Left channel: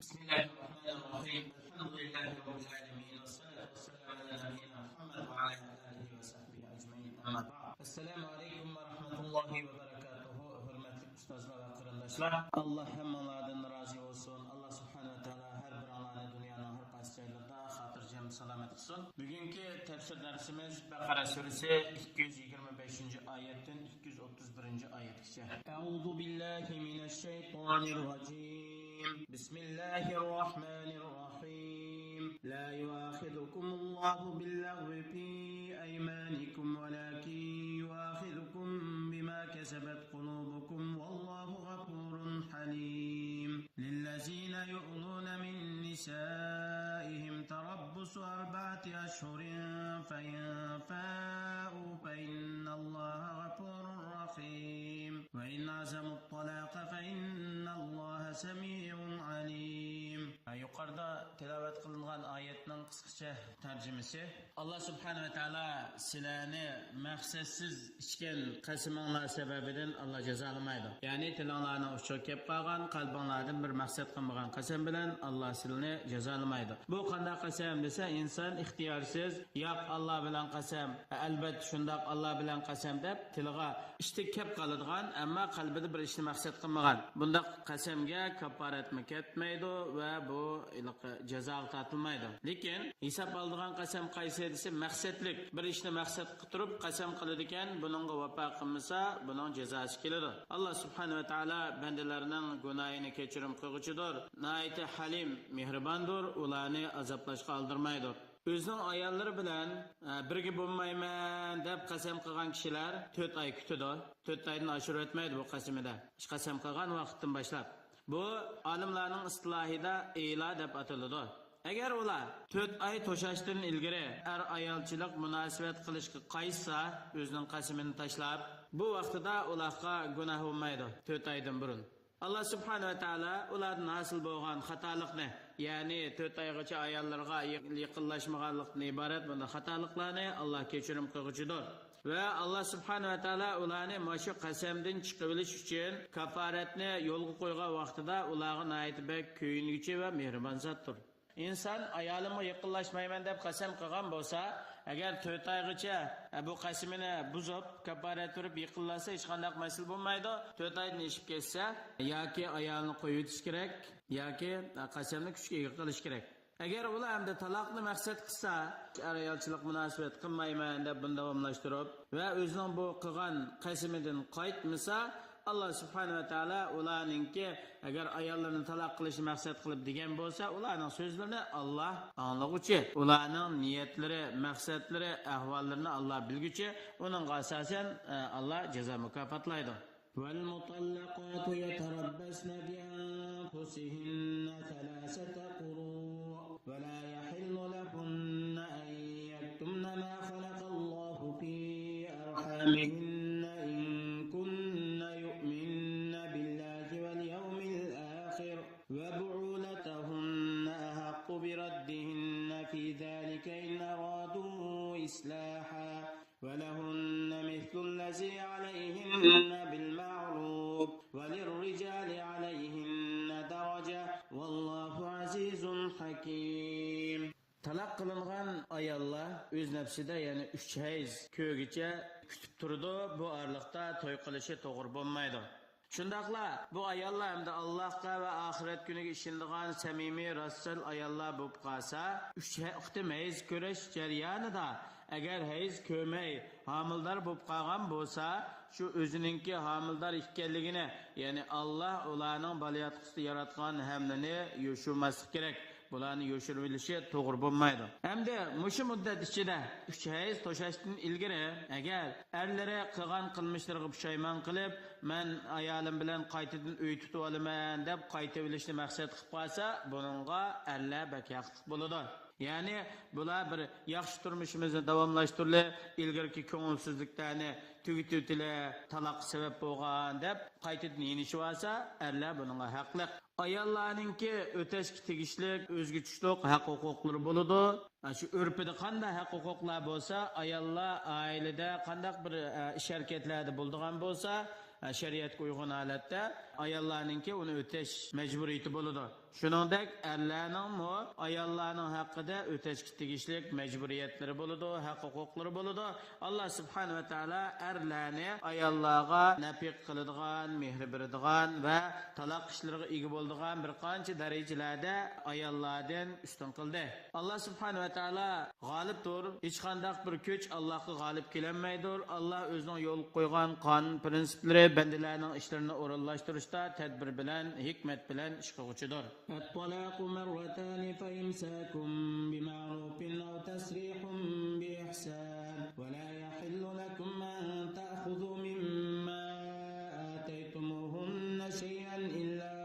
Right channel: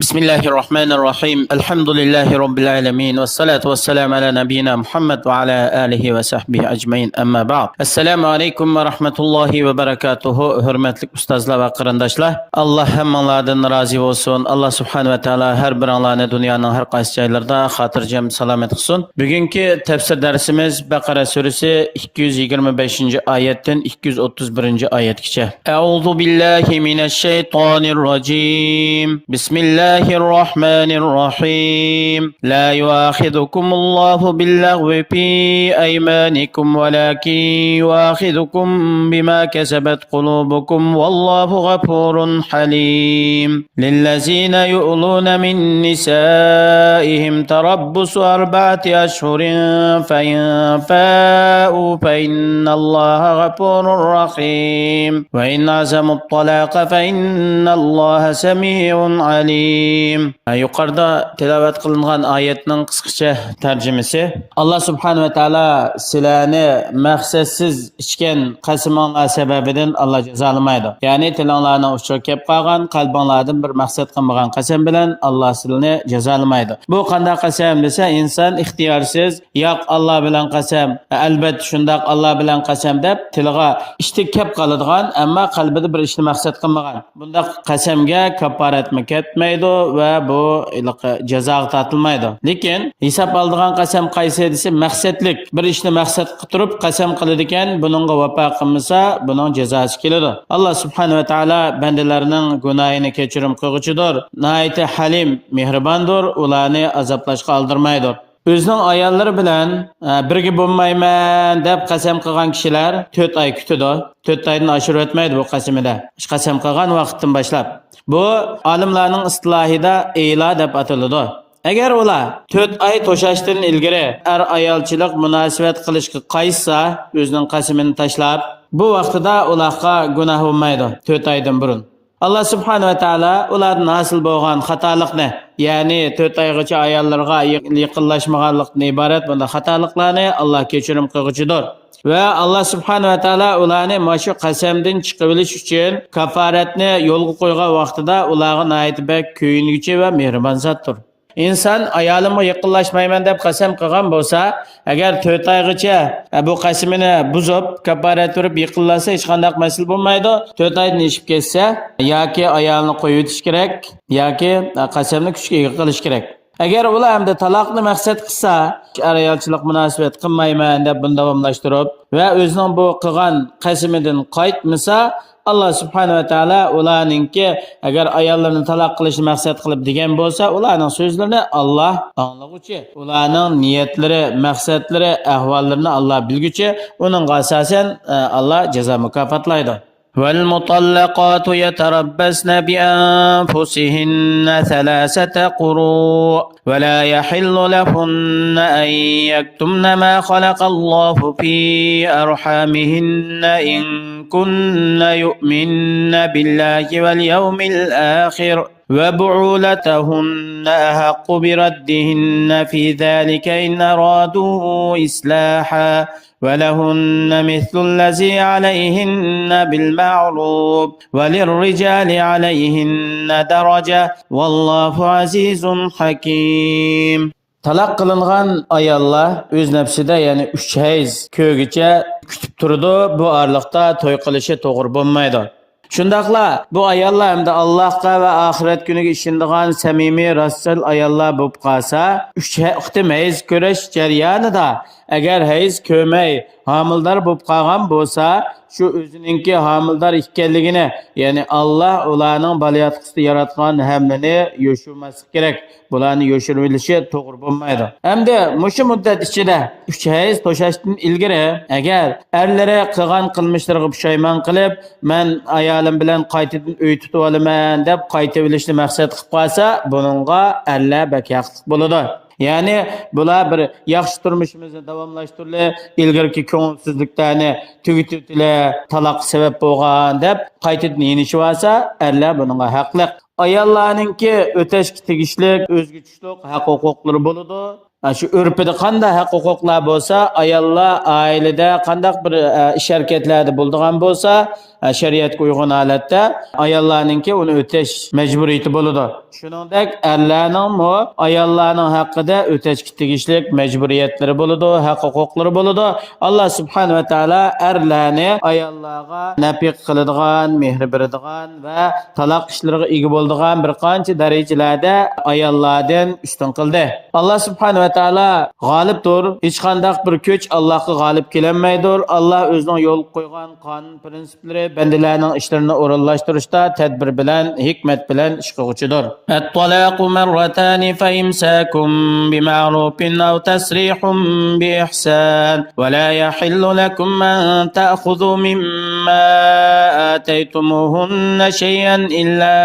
بسم الله الرحمن الرحيم الحمد لله رب العالمين والصلاة والسلام على نبينا محمد وعلى آله وصحبه أجمعين أما بعد السلام عليكم ورحمة الله وبركاته hürmetli ustazlar ve kırındaşlar Allah hemmanlardan razı olsun Allah subhanahu ve teala her bir anlarını dünyanın her qaysi joylarida xotirjam salomat qilsin. Bugünkü tefsir dersimiz Bakara suresi 225. ayetden 231. ayetgacha. Euzu billahi mineşşeytanirracim. Bismillah الله الرحمن الرحيم لا يؤاخذكم الله باللغو في أيمانكم ولكن يؤاخذكم بما كسبت قلوبكم والله غفور حليم للذين يؤلون من نسائهم تربص 4 أشهر فإن فاءوا فإن الله غفور رحيم وإن عزموا الطلاق فإن الله سميع عليم. Yuqorida tilovat qilingan oyatning qisqacha tarjimasi. Alloh subhanahu va taolo sizlarni maqsadsiz ichgan qasamlar sababidan Alloh jazolamaydi. Ya'ni tilinglarning uchib kelib qolgan, qalbinglardan bir maqsad qilmagan qasam bilan Alloh sizlarni jazolamaydi. Bu qanday qasam desa, inson ixtiyorsiz, yo'q Alloh bilan qasam, albatta shundoq Alloh bilan qasam deb tiliga ishtik kelib qoladigan, ammo qalbida bir ishni maqsad qilmagan. Bunda qasamga kafarat ketmaydi ve bu jazoga tortilmaydi. Lekin hisob oldigan qasam qaysi desa maqsadlik bir ishni maqsad qilib turib qasam qiladi ekan, buningga vafo qilmasa buning jazosi keladi. Alloh subhanahu va taolo bandalarining gunohini kechirim qilguchidir. Nihoyat halim, mehribondir, ularni azoblashga oldirmaydi. O'zining ayollari bilan birga bo'lmayman deb qasam qilgan kishilar 4 oy kutadi. 4 oydan oshirib o'tmaydi bu qasamida. Qasam qilgan vaqtdan boshlab. Bu olimlarning istilohida ila deb ataladi. Agar ular 4 oy to'shashdan ilgari ayolchilik munosabat qilishga qaytsa, o'zining qasamini tashlab, bu vaqtida ularga gunoh bo'lmaydi 4 oydan burun. Allah subhanahu wa ta'ala ulardan hosil bo'lgan xatolikni, ya'ni 4 oygacha ayollarga yaqinlashmaganlikdan iborat bunday xatoliklarni Alloh kechirim qilguchidir. Ve Allah subhanahu wa ta'ala ularni maşu qasamdan chiqib olish uchun kafaratni yo'lga qo'ygan vaqtida ularga nihoyat bek kuyinguchi va mehribon zotdir. İnsan ayolimga yaqinlashmayman deb qasam qilgan bo'lsa, agar 4 oygacha bu qasamini buzib, kafarat turib yaqinlasa hech qanday masal bo'lmaydi. 4 oydan ishib ketsa, yoki ayolni qo'yib o'tish kerak, yoki qasamni kuchga ega qilish kerak. Agar ular hamda taloqni maqsad qilsa, ayolchilik munosabat qilmayman deb buni davomlashtirib va o'zining bu qilgan qasamidan qaytmasa, Allah subhanahu wa taala ularningki agar ayollarni taloq qilishni maqsad qilib degan bo'lsa, ularning so'zlarini Alloh anglag'uchi, ularning niyatlari, maqsadlari, ahvollarini Alloh bilguchi, uning asosan Alloh jazo mukofotlaydi. والمطلقات يتربصن بأنفسهن 3 قروء ولا يحل لهن أن يكتمن ما خلق الله في أرحامهن إن كن يؤمن بالله واليوم الآخر وبعولتهن أحق بردهن في ذلك إن أرادوا إصلاحا ولهن مثل الذي عليهن بالمعروف وللرجال عليهن درجة والله عزيز حكيم. Talaq qilingan ayollar o'z nafsida ya'ni 3 hayz ko'gicha kutib turdi. Bu oraliqda to'y qilishi to'g'ri bo'lmaydi. Shundaqla bu ayollar hamda Allohga va oxirat kuniga ishonadigan samimiy rasul ayollar bo'lib qolsa, 3 qitim hayz ko'rish jarayonida agar hayz ko'may homildor bo'lib qolgan bo'lsa, shu o'zininki homildor ekanligini, ya'ni Alloh ularning balayotqisida yaratgan hamlani yo'shirmaslik kerak. Bularni yo'shirib olishi to'g'ri bo'lmaydi. Hamda mushu muddat ichida 3 hayz to'shashdan ilgari agar erlari qilgan qilmishlariga pushaymon qilib, men ayolim bilan qaytadan uy tutib olaman deb qaytib olishni maqsad qilib qolsa, buningga erlar bak haqliq bo'ladi. Yani bular bir yaxshi turmushimizni davomlashtirdi, ilgirki ko'ngilsizliklarni tugitibdilar, taloq sabab bo'lgan deb qaytadan yenishib olsa, erlar buningga haqliq. Ayollarningki o'tashga tegishli o'zgachilik haq-huquqlari bo'ladi. shu urfida qanday haq-huquqlar bo'lsa, ayollar oilada qanday bir ish harakatlarda bo'ladigan bo'lsa, shariatga uyg'un holatda ayollarningki uni o'tash majburiyati bo'ladi. Shuningdek, erlarning ayollarning haqida o'tashga tegishli majburiyatlari bo'ladi, haq-huquqlari bo'ladi. Alloh subhanahu va taolo erlarni ayollarga nafiq qiladigan, mehr beradigan va taloq ishlariga ega bo'ladigan bir qancha darajalarda ayollardan ustun qildi. Alloh subhanahu va taolo g'olibdir. Hech qanday bir kuch Allohga g'olib kelinmaydir. Alloh o'zining yo'l qo'ygan qonun prinsiplari bandalarning ishlarini o'rinlashtirishda tadbir bilan, hikmat bilan ish qiluvchidir. At-talaqu marratan fa imsakum bima'rufin aw tasrihun bi ihsan va la yahillu lakum an ta'khudhu mimma ataytumuhunna shay'an illa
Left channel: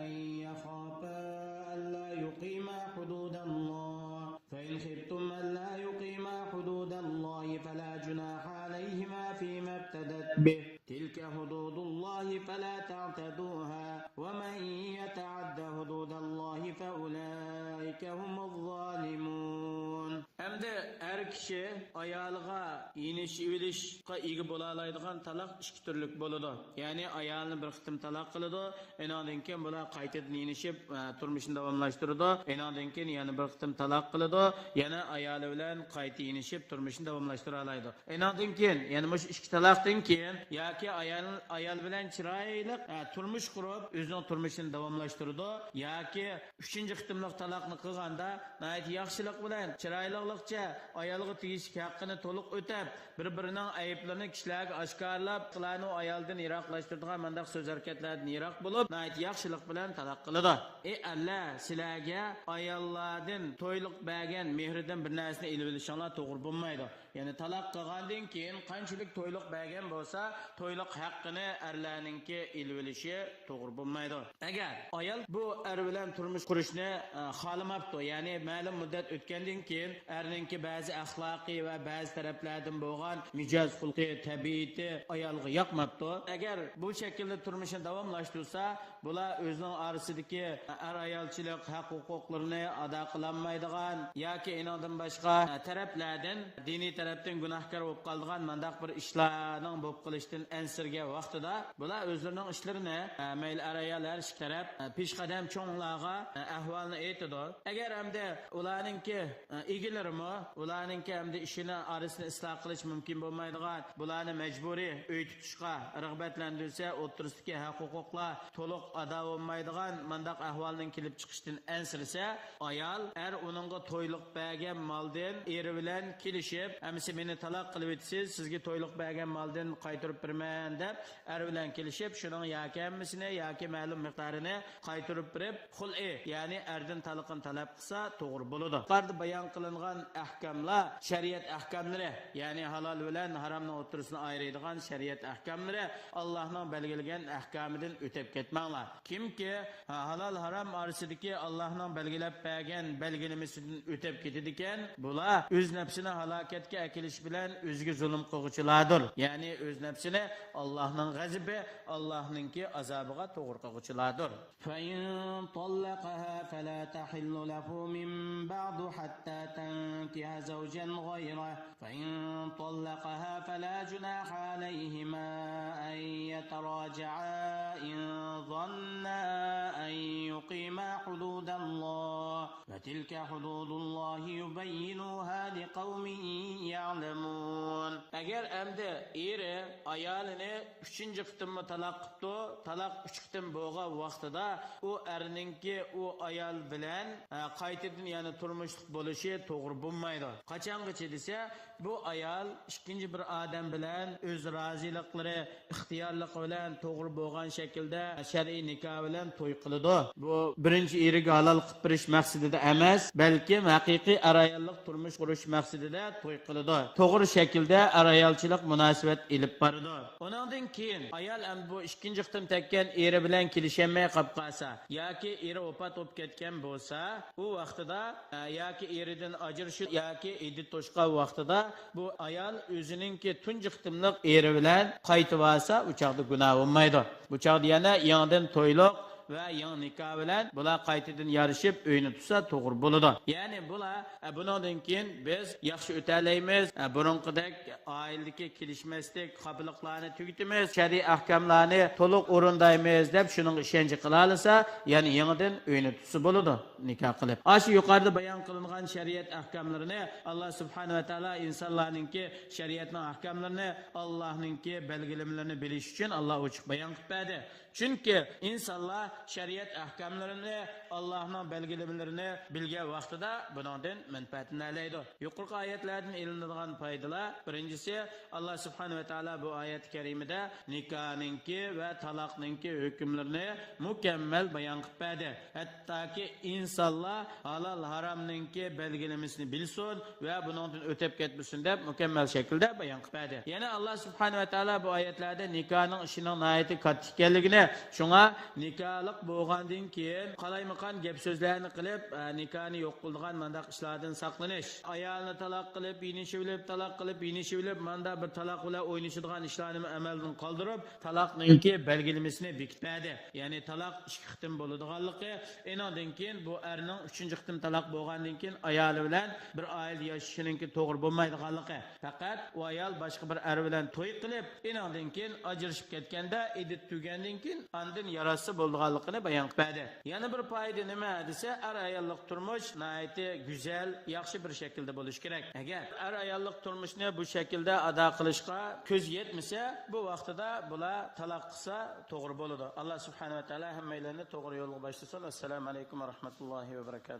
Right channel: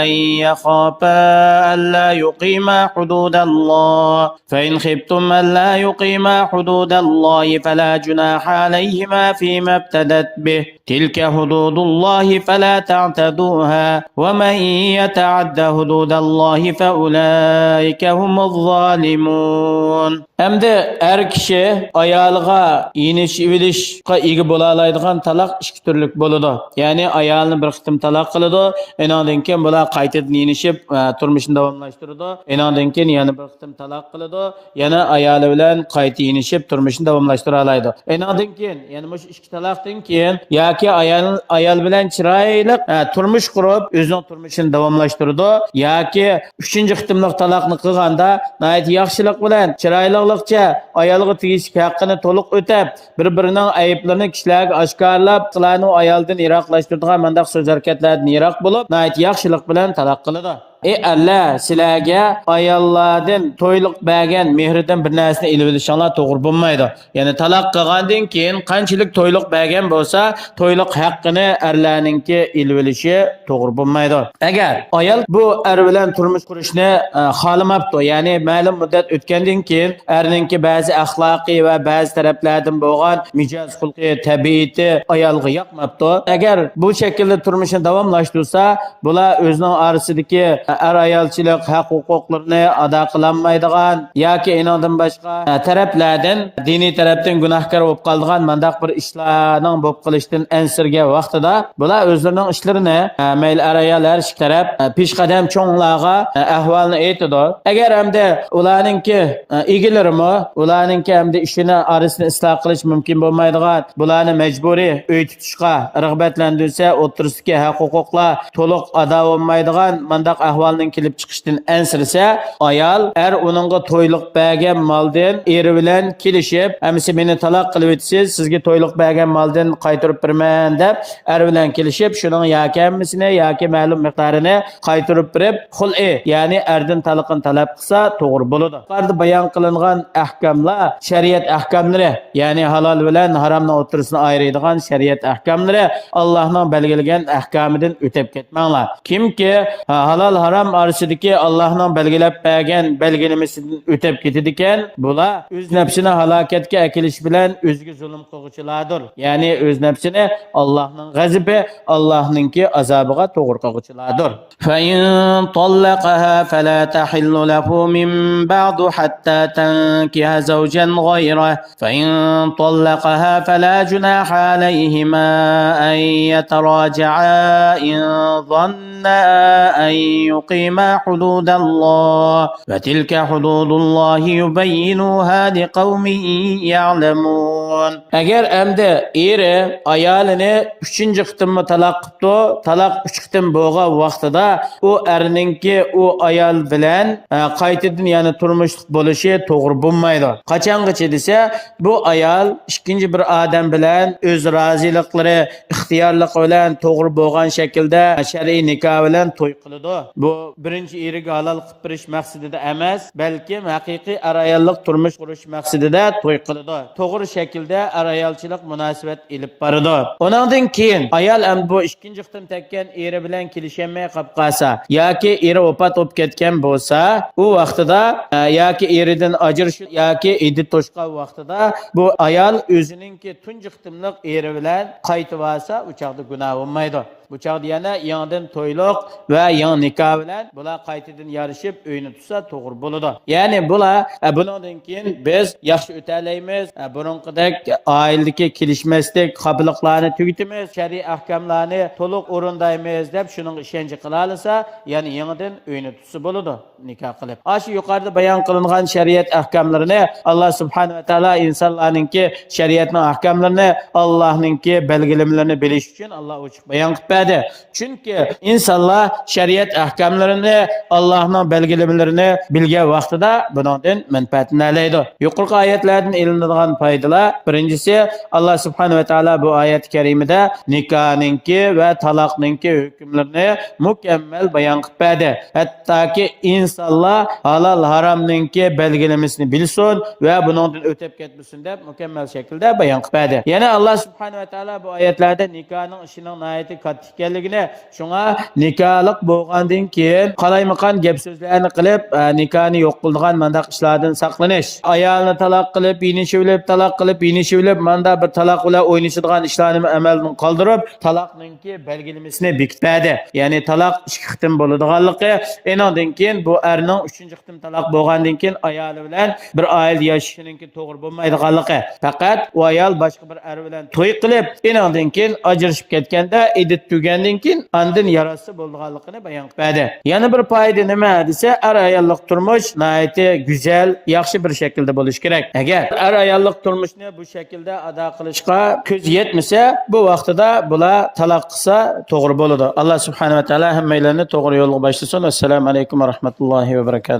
an yakhafa an la yuqima hududallah fa in khiftum an la yuqima hududallah fala junaha alayhima fima ibtadat bih tilka hududullah fala ta'taduha wa man yata'adda hududallahi fa ulaika humuz zalimun. Hamda er kishi ayoliga yenish ivilishga ega bo'la oladigan taloq ikki turlik bo'ladi. Ya'ni ayolni bir qitim taloq qiladi, undan keyin bular qaytadan yenishib turmushini davomlashtiradi. Undan keyin yana bir qitim taloq qiladi, yana ayoli bilan qayta yenishib turmushini davomlashtira oladi. Undan keyin yana mush ikki taloqdan keyin yoki ayol bilan chiroyli turmush qurib o'zining turmushini davomlashtiradi yoki uchinchi qitimliq taloqni qilganda yaxshilik bilan chiroylilikcha ayolga tegishli haqqini to'liq o'tab, bir-birining ayblarini kishilarga oshkorlab, qilani ayoldan yiroqlashtiradigan mandaq so'z harakatlardan yiroq bo'lib, yaxshilik bilan taloq qiladi. Allah sizlarga ayollardan to'yliq bergan mehridan bir narsani ilib olishinglar to'g'ri bo'lmaydi. Ya'ni taloq qilgandan keyin qanchalik to'yliq bergan bo'lsa, to'yliq haqqini erlarningki ilib olishi to'g'ri bo'lmaydi. Agar ayol bu er bilan turmush qurishni xohlamabdi, ya'ni ma'lum muddat o'tgandan keyin erningki ba'zi axloqiy va ba'zi taraflardan bo'lgan mijoz xulqi, tabiati ayolga yoqmabdi. Agar bu shaklda turmushni davomlashtirsa, bular o'zining orasidagi ayolchilik haq-huquqlarini ado qilolmaydigan yoki inondan boshqa taraflardan diniy tarafdan gunohkor bo'lib qolgan mandaq bir ishlarning bo'lib qilishdan ansirga vaqtida bular o'zlarining ishlarini mayli ayol har ikki taraf peshqadam cho'nglarga ahvolni aytadi. Agar hamda ularningki egilarimi ularningki hamda ishini orasini isloh qilish mumkin bo'lmaydigan, bularni majburiy uy tutishga rag'batlantirsa, o'tirishga haq-huquqlar to'liq ado bo'lmaydigan mandaq ahvolning kelib chiqishdan ansirsa, ayol uningga to'yliq bergan moldan eri bilan kelishib, "Amsi meni taloq qilib o'tasiz, sizga to'yliq bergan moldan qaytarib berman" deb bilan kelishib, shuning yoki hammasini yoki ma'lum miqdorini qaytarib berib, xul'i, ya'ni erdan taloqni talab qilsa to'g'ri bo'ladi. Yuqorida bayon qilingan ahkamlar shariat ahkamlari, ya'ni halol bilan haromning o'rtasini ayiradigan shariat ahkamlari Allohning belgilagan ahkamidan o'tib ketmanglar. Kimki halol harom orasidagi Allohning belgilab bergan belgilamasidan o'tib ketadi ekan, bular o'z nafsini halokatga akilish bilan o'ziga zulm qiluvchilardir. Ya'ni o'z nafsini Allohning g'azabi, Allohningki azobiga to'g'ri qiluvchilardir. Fa in tallaqaha fala tahillu lahu min ba'du hatta tankiha zawjan ghayrahu. Fa in tallaqaha fala junaha alayhima an yataraja'a in dhanna an yuqima hududallah wa tilka hududullahi yubayyinuha liqaumin ya'lamun. Agar endi eri ayolini 3-chi qitimni taloq qildi, taloq 3 qitim bo'lgan vaqtida u erningki u ayol bilan qaytadan yana turmushlik bo'lishi to'g'ri bo'lmaydi. Qachongacha desa, bu ayol ikkinchi bir odam bilan o'z roziliklari, ixtiyorlik bilan to'g'ri bo'lgan shaklda shar'iy nikoh bilan to'y qiladi. Bu birinchi eriga halol qilib berish maqsadida emas, balki haqiqiy ayollik turmush qurish maqsadida to'y qiladi. To'g'ri shaklda ayolchilik munosabat ilib boradi. Undan keyin ayol ham bu ikkinchi qitim tekkan eri bilan kelishamay qolib qolsa yoki eri vafot bo'lib ketgan bo'lsa, u vaqtida yoki eridan ajrashish yoki iddat to'shqa vaqtida bu ayol o'ziningki tunji qitimliq eri bilan qaytib olsa, u chaqda gunoh bo'lmaydi. Bu chaqda yana yangidan to'yliq va yangi nikoh bilan bular qaytadan yarışib uyni tutsa to'g'ri bo'ladi. Ya'ni bular bundan keyin biz yaxshi o'talaymiz. Burunqidek oiladagi kelishmaslik, qabiliqlarni tugitimiz, shariy ahkamlarni to'liq o'rindaymiz deb shuning ishonchi qila olsa, ya'ni yangidan uyni tutsa bo'ladi nikoh qilib. Shu yuqorida bayon qilingan shariat ahkamlarini Alloh subhanahu va taolo insonlarningki shariatning ahkamlarini, Allohningki belgilamalarini bilish uchun Alloh ochiq bayon qilib berdi. Chunki insonlar shariat ahkamlarini, Allohning belgilamalarini bilgan vaqtida bundan manfaatini olaydi. Yuqorqi oyatlardan ilinadigan foydalar: birinchisi, Alloh subhanahu va taolo bu oyat karimada nikohningki va taloqningki hukmlarini mukammal bayon qilib berdi. Hattoki insonlar halol haromningki belgilamasini bilsin va bundan o'tib ketmasin deb mukammal shaklda bayon qilib berdi. Yana Alloh subhanahu va taolo bu oyatlarda nikohning ishining nihoyatda katta ekanligini, shunga nikohlik bo'lgandan keyin qalaymaqan gap so'zlarni qilib nikohni yo'q qiladigan mandaq ishlardan saqlanish, ayolni taloq qilib, yinishib, taloq qilib, yinishib, manda bir taloq bilan o'ynashadigan ishlarni amaldan qoldirib, taloqningki belgilamasini bekitib berdi. Ya'ni taloq 2 qitim bo'ladiganligi, endan keyin bu erning 3-qitim taloq bo'lgandan keyin ayoli bilan bir oila yashashininki to'g'ri bo'lmaydiganligi. Faqat u ayol boshqa bir er bilan to'y qilib, endan keyin ajrashib ketganda, iddat tugandan keyin andin yarasi bo'lganligini bayon qilib berdi. Yana bir foyda nima desa, er ayollik turmush nihoyatda go'zal, yaxshi bir shaklda bo'lishi kerak. Agar er ayollik turmushni bu shaklda ado qilishga ko'z yetmasa, bu vaqtida bular taloq qilsa to'g'ri bo'ladi. Alloh subhanahu va taolo hammalarni to'g'ri yo'lga boshlasin. Assalomu alaykum va rahmatullohi va barakatuh.